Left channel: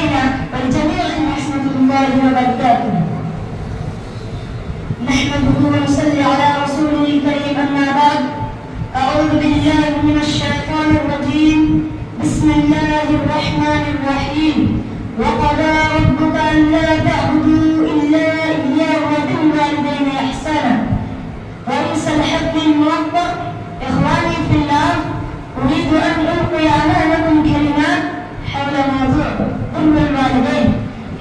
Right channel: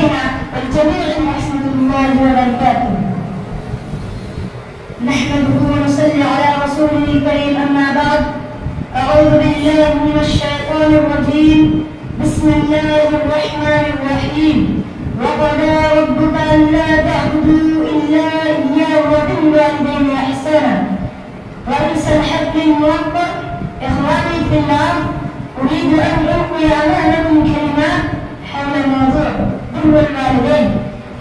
علينا والجميع ورحمة الله وبركاته. نحمده ونصلي على رسوله الكريم، أما بعد. أعوذ بالله من الشيطان الرجيم. بسم الله الرحمن الرحيم. وقضى ربك ألا تعبدوا إلا إياه وبالوالدين إحسانا. وليس الحق الموفق. إخواني في الله، أريد أن ألقي أمامكم كلمات حول موضوع بر الوالدين.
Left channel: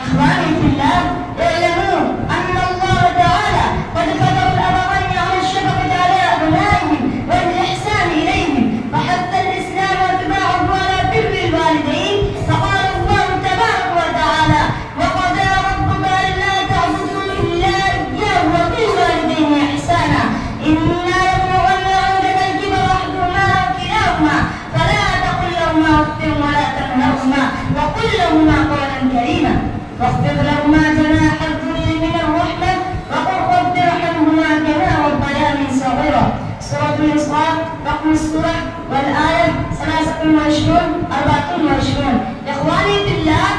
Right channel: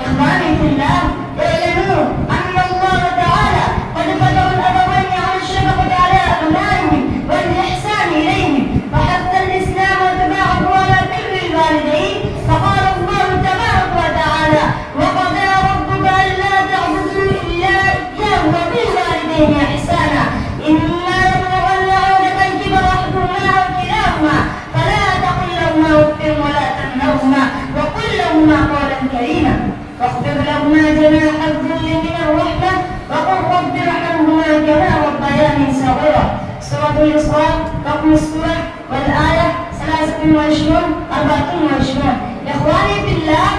إخواني في الله، اعلموا أن الله تعالى قد فضل الأبوين على الشفقة على أبنائهم والإحسان إليهم، وحث الإسلام واتباعه على بر الوالدين. فقال الله تبارك وتعالى: وقضى ربك ألا تعبدوا إلا إياه وبالوالدين إحسانا. إما يبلغن عندك الكبر أحدهما أو كلاهما فلا تقل لهما أف ولا تنهرهما وقل لهما قولا كريما، واخفض لهما جناح الذل من الرحمة وقل رب ارحمهما كما ربياني صغيرا. سورة الإسراء رقم السورة والآية 23-24. إخواني في الله،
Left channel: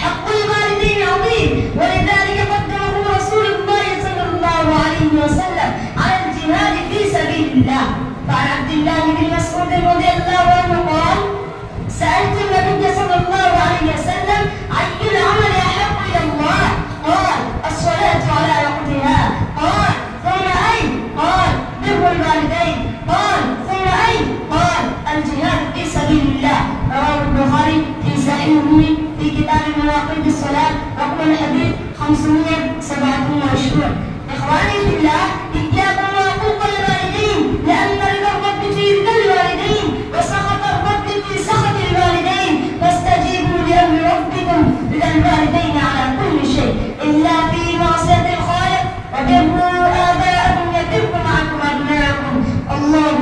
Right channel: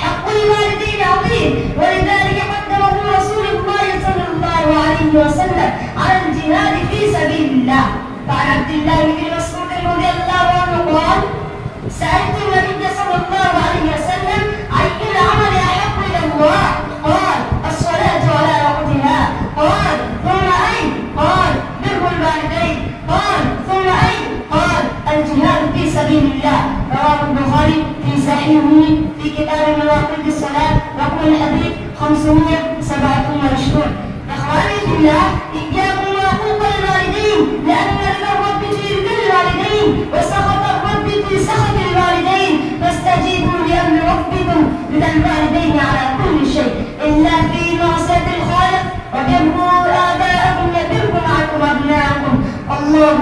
حق الوالدين عظيم، ولذلك قدمه رسول الله صلى الله عليه وسلم على الجهاد في سبيل الله. فعن عبد الله بن مسعود رضي الله عنه قال: سألت النبي صلى الله عليه وسلم: أي العمل أحب إلى الله؟ قال: الصلاة على وقتها. قال: ثم أي؟ قال: بر الوالدين. قال: ثم أي؟ قال: الجهاد في سبيل الله. رواه البخاري في صحيحه في كتاب مواقيت الصلاة رقم الحديث 527. إخواني في الله، إياكم وعقوق الوالدين، لأن رضا الرب في رضا الوالدين وسخط الرب في سخط الوالدين. فاستجيبوا لأمر ربكم رضا الوالدين على كل شيء إلا في معصية الخالق. وبروا آباءكم يبركم عنكم أبناءكم. الله